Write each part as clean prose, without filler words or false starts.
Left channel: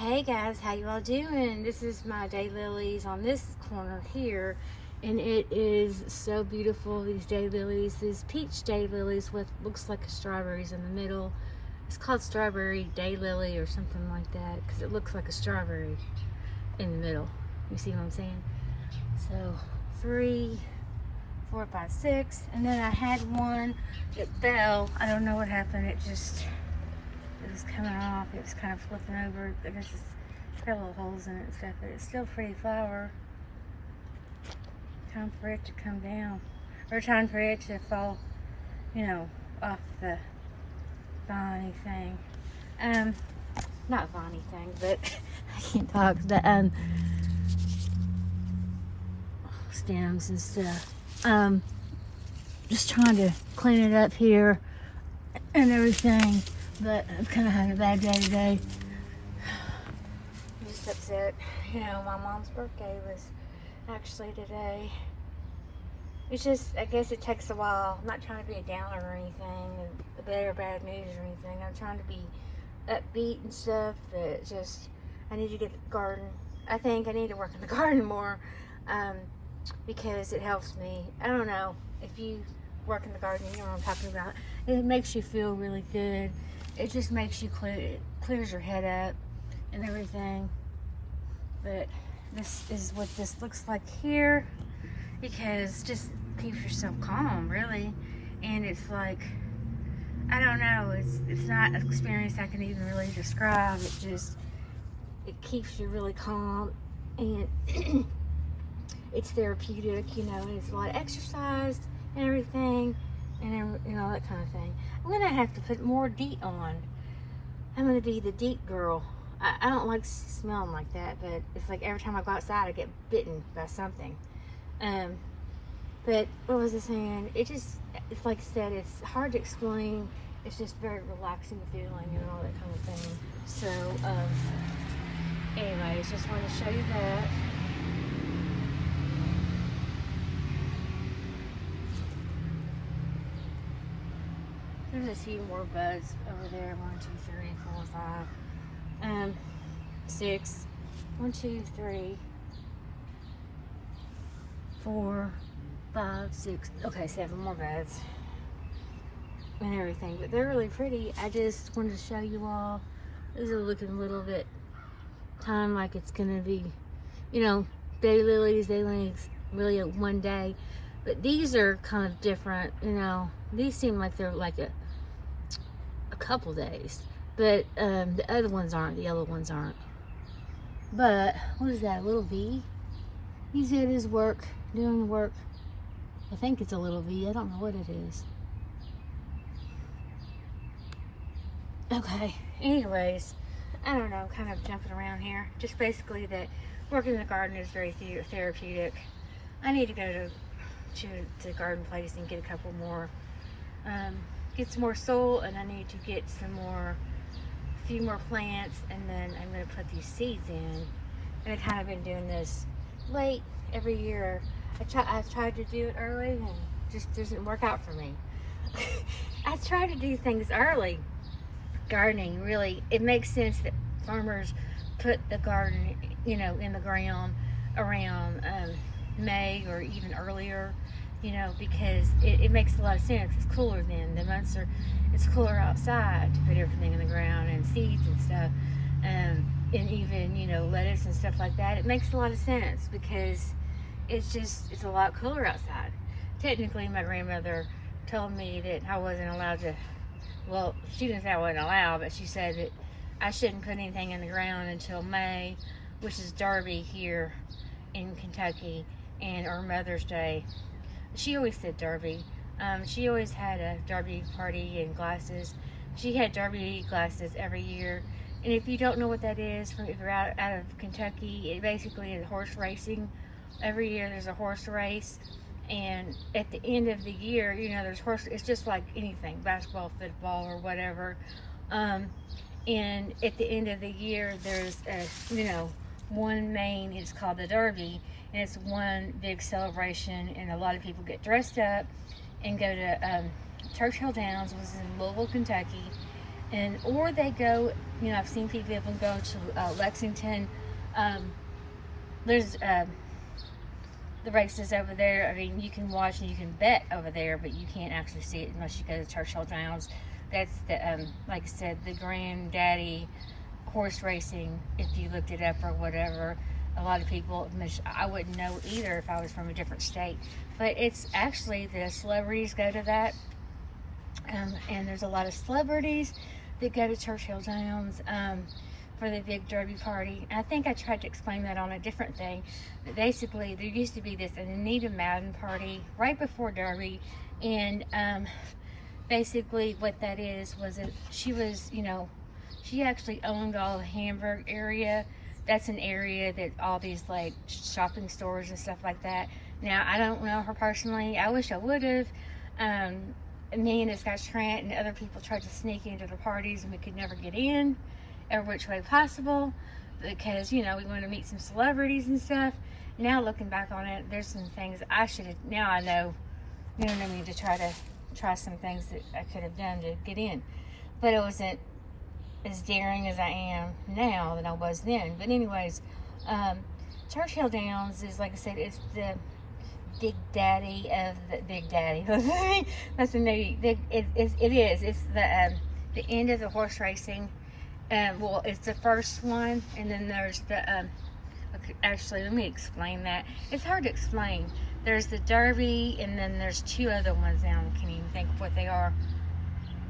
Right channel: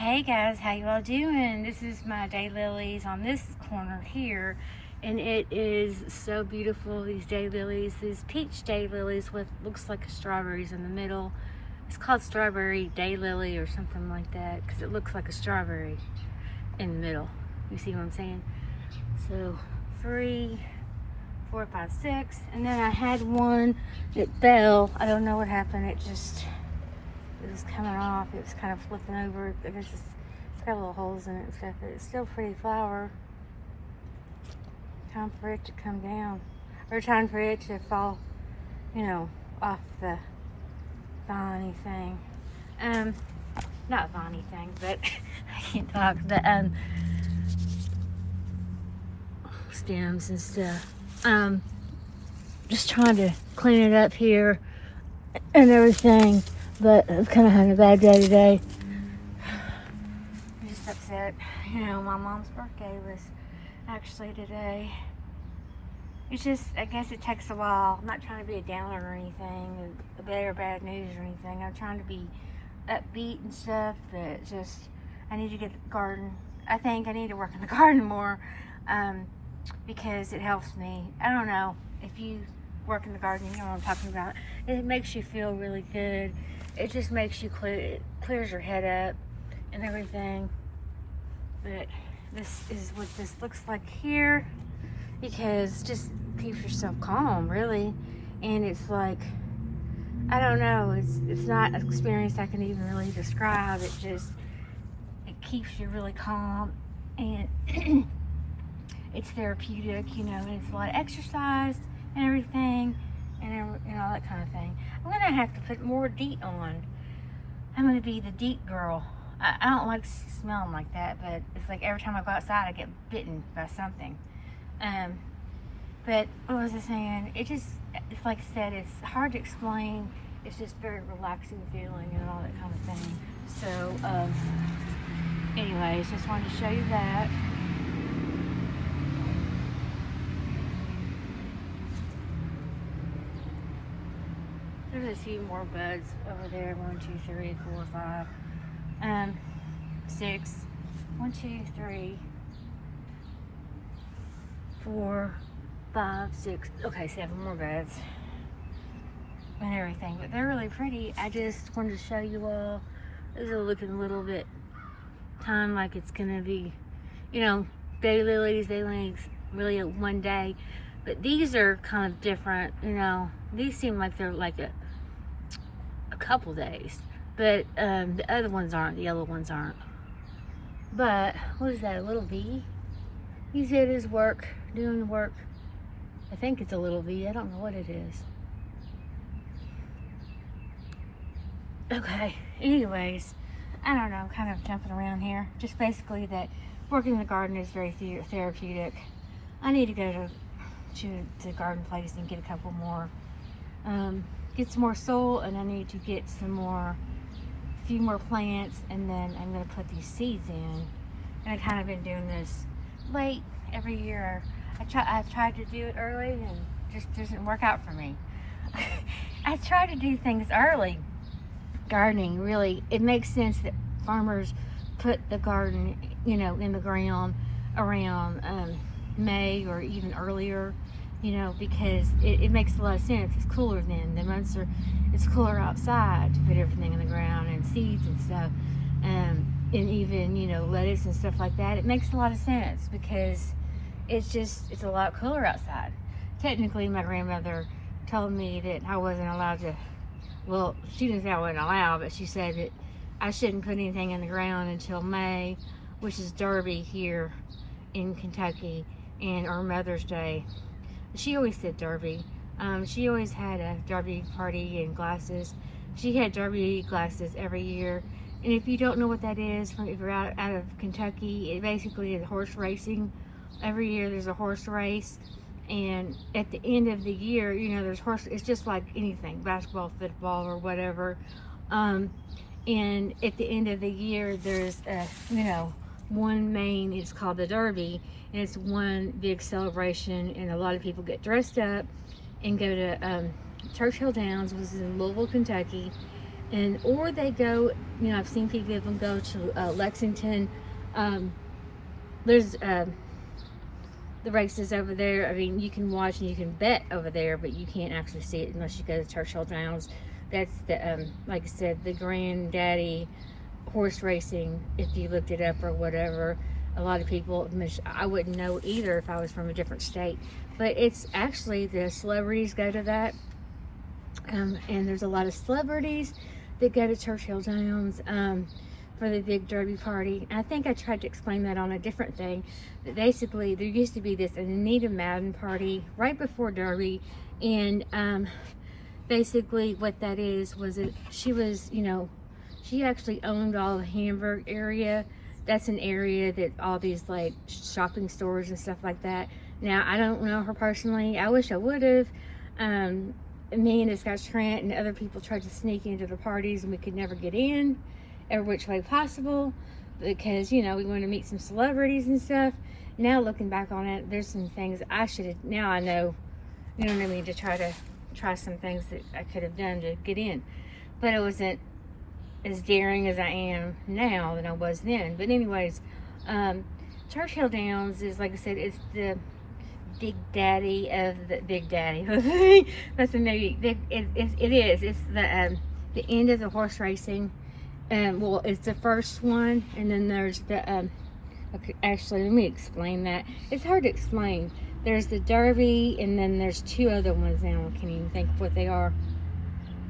Hey guys, how you all doing? This is my daylilies on this corner here, and it is so beautiful. These daylilies, these peach daylilies with looks like strawberries in the middle. It's called strawberry daylily or something like that because it looks like a strawberry in the middle. You see what I'm saying? So 3, 4, 5, 6, and then I had one. It fell. I don't know what happened. It was coming off. It was kind of flipping over. It was just got little holes in it and stuff, but it's still a pretty flower. Time for it to come down, or time for it to fall, off the viney thing. Not viney thing, but I can't talk. But stems and stuff. Just trying to clean it up here and everything. But I've kind of had a bad day today. I'm just upset. My mom's birthday was actually today. It's just, I guess it takes a while. I'm not trying to be a downer or anything, or bad news or anything. I'm trying to be upbeat and stuff, but just, I need to get the garden. I think I need to work in the garden more, because it helps me. I don't know if you work in the garden, you know what I'm talking about. It makes you feel really good. It just makes you it clears your head up and everything. But this is what this looks like here, because just keeps yourself calm, really. And it's like, I don't know, it's not an experience I can even really describe. It keeps you really calm, and it's therapeutic, and it's a lot of exercise and everything, and all that kind of thing. I'm gonna have to put more DEET on. I'm gonna be the DEET girl. I don't like smelling like that, but it's like every time I go outside, I get bitten by something. But what was I saying? It's like I said, it's hard to explain. It's just very relaxing feeling and all that kind of thing. So, anyways, just wanted to show you that. There's a few more buds over there. 1, 2, 3, 4, 5, 6. 1, 2, 3, 4, 5, 6. Okay, 7 more buds and everything. But they're really pretty. I just wanted to show you all. This is looking a little bit time like it's gonna be, daylilies. Really a one day. But these are kind of different. These seem like they're like a couple days, but the other ones aren't. The yellow ones aren't. But what is that, a little V? He's at his work, doing work. I think it's a little V. I don't know what it is. Okay, anyways, I don't know, kind of jumping around here. Just basically that working in the garden is very therapeutic. I need to go to the garden place and get a couple more, get some more soil, and I need to get a few more plants, and then I'm going to put these seeds in. And I've kind of been doing this late every year. I've tried to do it early, and it just doesn't work out for me. I try to do things early. Gardening, really, it makes sense that farmers put the garden, in the ground around May or even earlier, because it makes a lot of sense. It's cooler then. It's cooler outside to put everything in the ground and seeds and stuff, and even, lettuce and stuff like that. It makes a lot of sense because it's a lot cooler outside. Technically, my grandmother told me that I wasn't allowed to, well, she didn't say I wasn't allowed, but she said that I shouldn't put anything in the ground until May, which is Derby here in Kentucky, or Mother's Day. She always said Derby. She always had a Derby party and glasses. She had Derby glasses every year. And if you don't know what that is, if you're out of Kentucky, it basically is horse racing. Every year there's a horse race. And at the end of the year, there's horse. It's just like anything, basketball, football, or whatever. And at the end of the year, there's one main. It's called the Derby, and it's one big celebration. And a lot of people get dressed up and go to Churchill Downs, which is in Louisville, Kentucky, And or they go, you know, I've seen people even go to Lexington. Um, there's the races over there. I mean, you can watch and you can bet over there, but you can't actually see it unless you go to Churchill Downs. That's the like I said, the granddaddy horse racing. If you looked it up or whatever, a lot of people, I wouldn't know either if I was from a different state. But it's actually the celebrities go to that, and there's a lot of celebrities that go to Churchill Downs for the big derby party. And I think I tried to explain that on a different thing. But basically, there used to be this Anita Madden party right before derby, and basically what that is was that she was, you know, she actually owned all the Hamburg area. That's an area that all these like shopping stores and stuff like that. Now, I don't know her personally. I wish I would have. Me and this guy Trent and other people tried to sneak into the parties, and we could never get in every which way possible because, you know, we wanted to meet some celebrities and stuff. Now looking back on it, there's some things I should have, now I know, you know what I mean, to try some things that I could have done to get in. But it wasn't as daring as I am now than I was then. But anyways, Churchill Downs is, like I said, it's the Big Daddy of the Big Daddy. That's a movie. It is. It's the end of the horse racing. Well, it's the first one, and then there's the okay, actually, let me explain that. It's hard to explain. There's the Derby, and then there's two other ones now. I can't even think of what they are.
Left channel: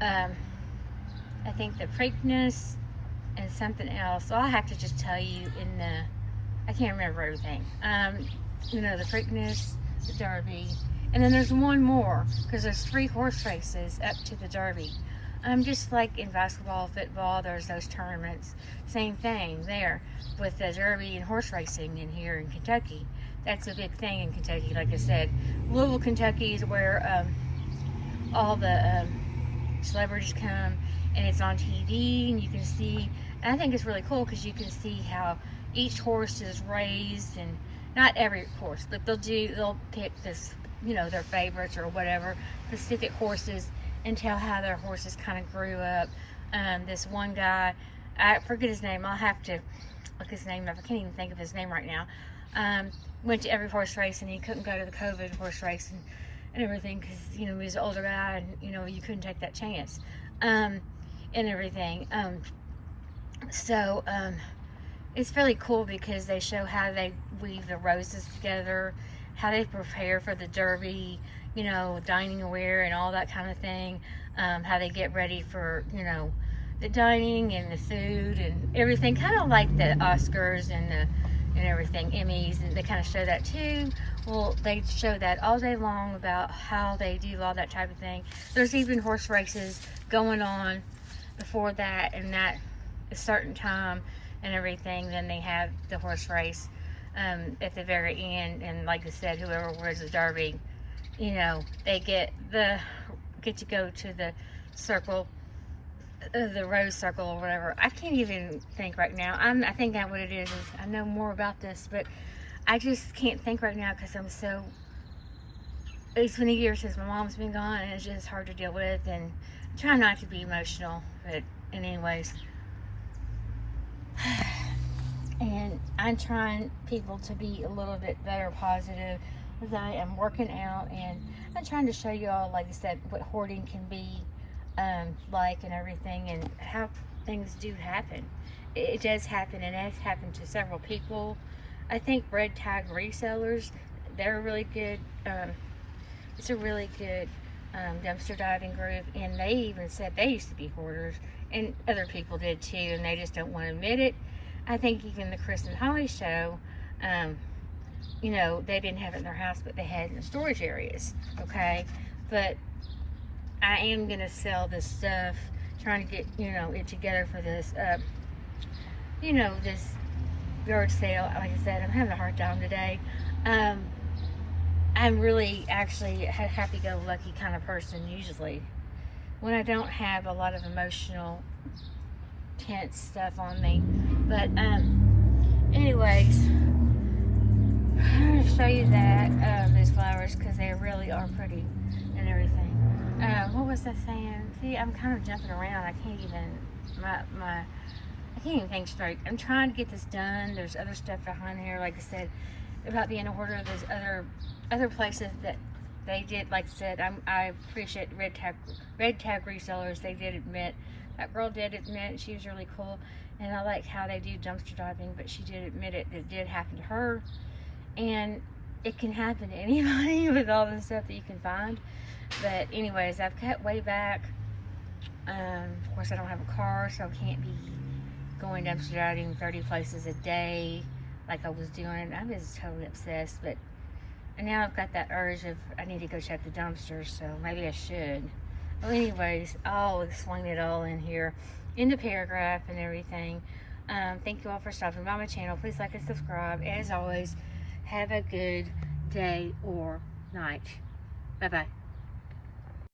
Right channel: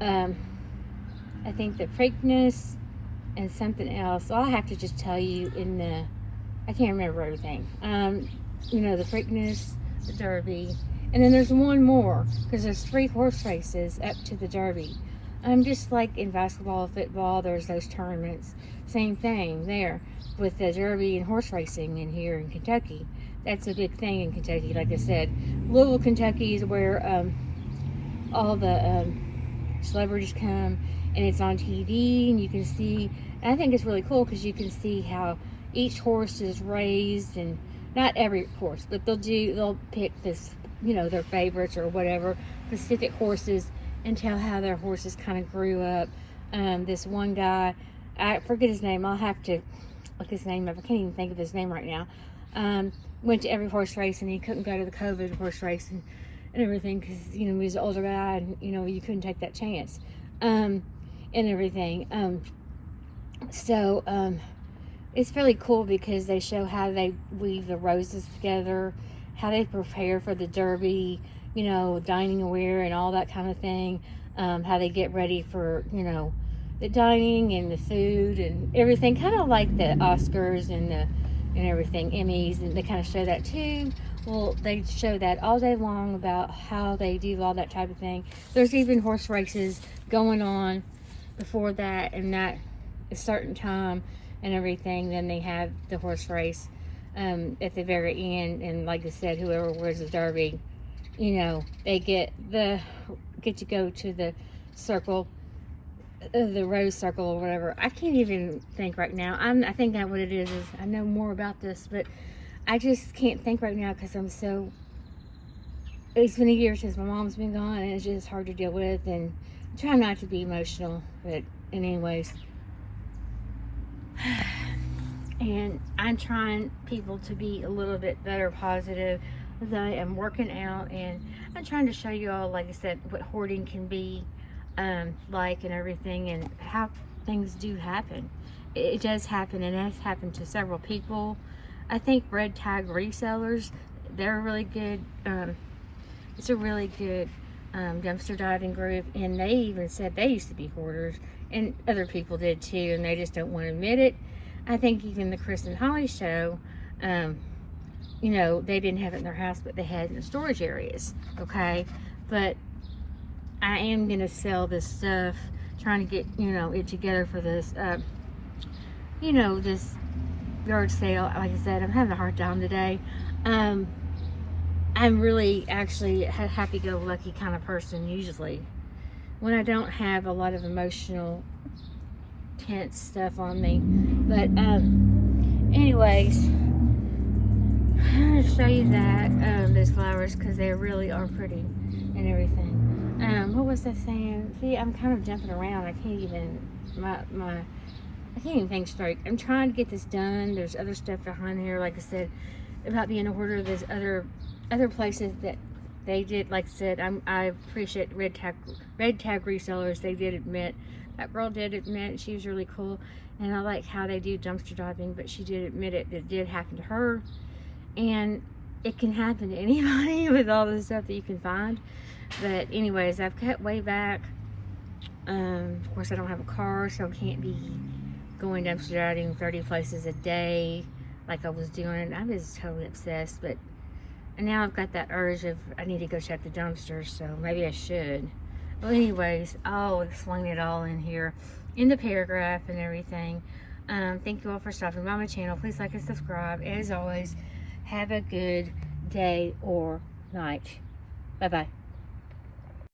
I think the Preakness and something else. So I'll have to just tell you in the. I can't remember everything. You know, the Preakness, the Derby, and then there's one more because there's 3 horse races up to the Derby. Just like in basketball, football, there's those tournaments. Same thing there with the Derby and horse racing in here in Kentucky. That's a big thing in Kentucky. Like I said, Louisville, Kentucky is where all the celebrities come, and it's on TV, and you can see. And I think it's really cool because you can see how each horse is raised, and not every horse, but they'll pick this, you know, their favorites or whatever, specific horses, and tell how their horses kind of grew up. This one guy, I forget his name, I'll have to look his name up, I can't even think of his name right now, went to every horse race, and he couldn't go to the COVID horse race and everything because, you know, he was an older guy, and, you know, you couldn't take that chance, and everything. It's really cool because they show how they weave the roses together, how they prepare for the Derby, you know, dining aware and all that kind of thing, how they get ready for, you know, the dining and the food and everything, kind of like the Oscars and everything, Emmys, and they kind of show that too. Well, they show that all day long about how they do all that type of thing. There's even horse races going on before that, and that a certain time and everything. Then they have the horse race at the very end, and like I said, whoever wins the Derby, you know, they get to go to the circle, the rose circle or whatever. I can't even think right now. I think that what it is I know more about this, but I just can't think right now because it's been a year since my mom's been gone, and it's just hard to deal with, and I'm trying not to be emotional, but anyways. And I'm trying people to be a little bit better positive as I am working out, and I'm trying to show you all, like I said, what hoarding can be like and everything, and how things do happen. It does happen, and it has happened to several people. I think red tag resellers, they're really good. It's a really good dumpster diving group, and they even said they used to be hoarders, and other people did too, and they just don't want to admit it. I think even the Chris and Holly show, you know, they didn't have it in their house, but they had it in the storage areas, okay? But I am going to sell this stuff, trying to get, you know, it together for this, you know, this yard sale. Like I said, I'm having a hard time today. I'm really actually a happy-go-lucky kind of person usually. When I don't have a lot of emotional, tense stuff on me. But, anyways, I'm going to show you that, those flowers, because they really are pretty and everything. What was I saying? See, I'm kind of jumping around. I can't even, I can't even think straight. I'm trying to get this done. There's other stuff behind here, like I said, about the in order. There's other places that they did, like I said, I appreciate red tag resellers. They did admit, that girl did admit, she was really cool, and I like how they do dumpster diving, but she did admit it did happen to her, and it can happen to anybody with all the stuff that you can find. But anyways, I've cut way back. Of course, I don't have a car, so I can't be going dumpster diving 30 places a day like I was doing. I was totally obsessed, but and now I've got that urge of I need to go check the dumpsters, so maybe I should. Well, anyways, I'll explain it all in here in the paragraph and everything. Thank you all for stopping by my channel. Please like and subscribe. As always, have a good day or night. Bye-bye.